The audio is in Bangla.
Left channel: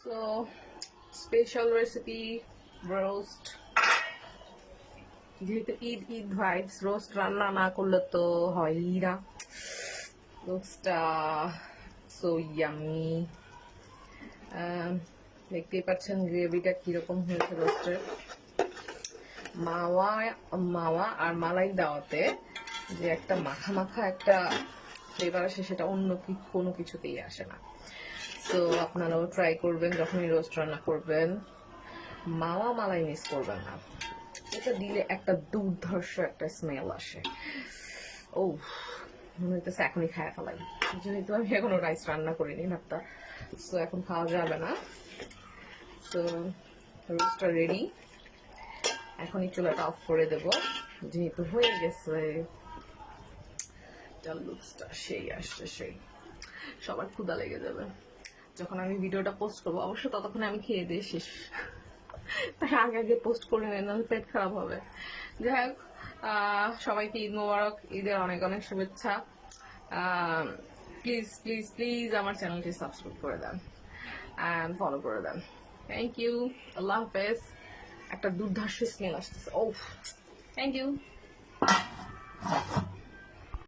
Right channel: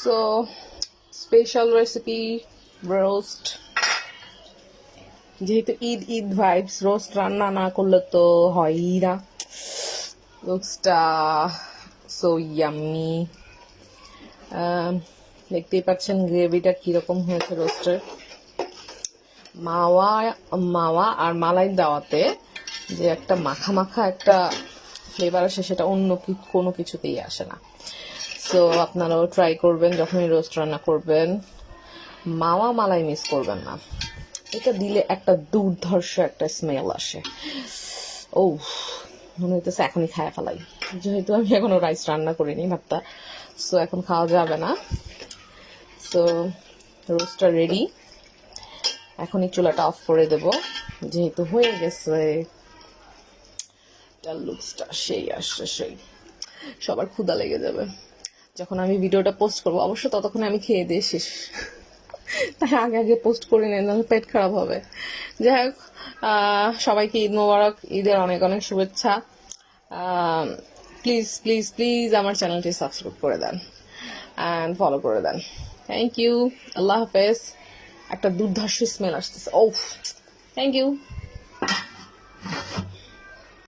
So special recipe roast. যেহেতু ঈদ ঈদ ভাইবস, রোস্ট রান্না না করলে তো হয়ই না। রোস্টটা সো ইয়াম্মি। দেখতেই পাচ্ছেন গ্রেভিটা কিরকম হয়েছে রোস্টের। মাওয়া মাওয়া আর মালাই দেওয়াতে যে একটা মাখা মাখা একটা ফ্লেভার আসে, সেটা অন্য কোনো কিছুতেই আসে না। সো আপনারাও ট্রাই করবেন যখনই রোস্ট রান্না করবেন, মাওয়া মালাই মিস করবেন না। এটা দিলে একটা দুর্ধর্ষ একটা স্মেল আসে। ও মনে হইতেছে এখনই খায় ফেলাই, যেহেতু আমি এখনো রাইস রান্না করিনি ভাতটা, সো এখন খাওয়া যাবে না। সো রোস্টটা রেডি, এখনই চুলাটা অফ করে দেব যেহেতু হয়ে গেছে। তার লুকসটা সেই আসছে, সেই সবার ক্ষুধা লেগে যাবে যখন আমি ভিডিওটা পোস্ট করবো। অবশ্য ততক্ষণে আমি খেয়ে দিয়ে শেষ, তাই আগে আগে পোস্ট করে নেন, নাহলে পেট খারাপ হবে। যাই হোক, সবাইকে ঈদ মোবারক, ঈদের অনেক অনেক শুভেচ্ছা। প্লিজ প্লিজ প্লিজ আমার চ্যানেলটি সাবস্ক্রাইব করে দেন অ্যান্ড ফলো করে দেন। থ্যাংক ইউ, আল্লাহ হাফেজ। একটা দুর্ধর্ষ স্মেল আসতেছে, ও থ্যাংক ইউ।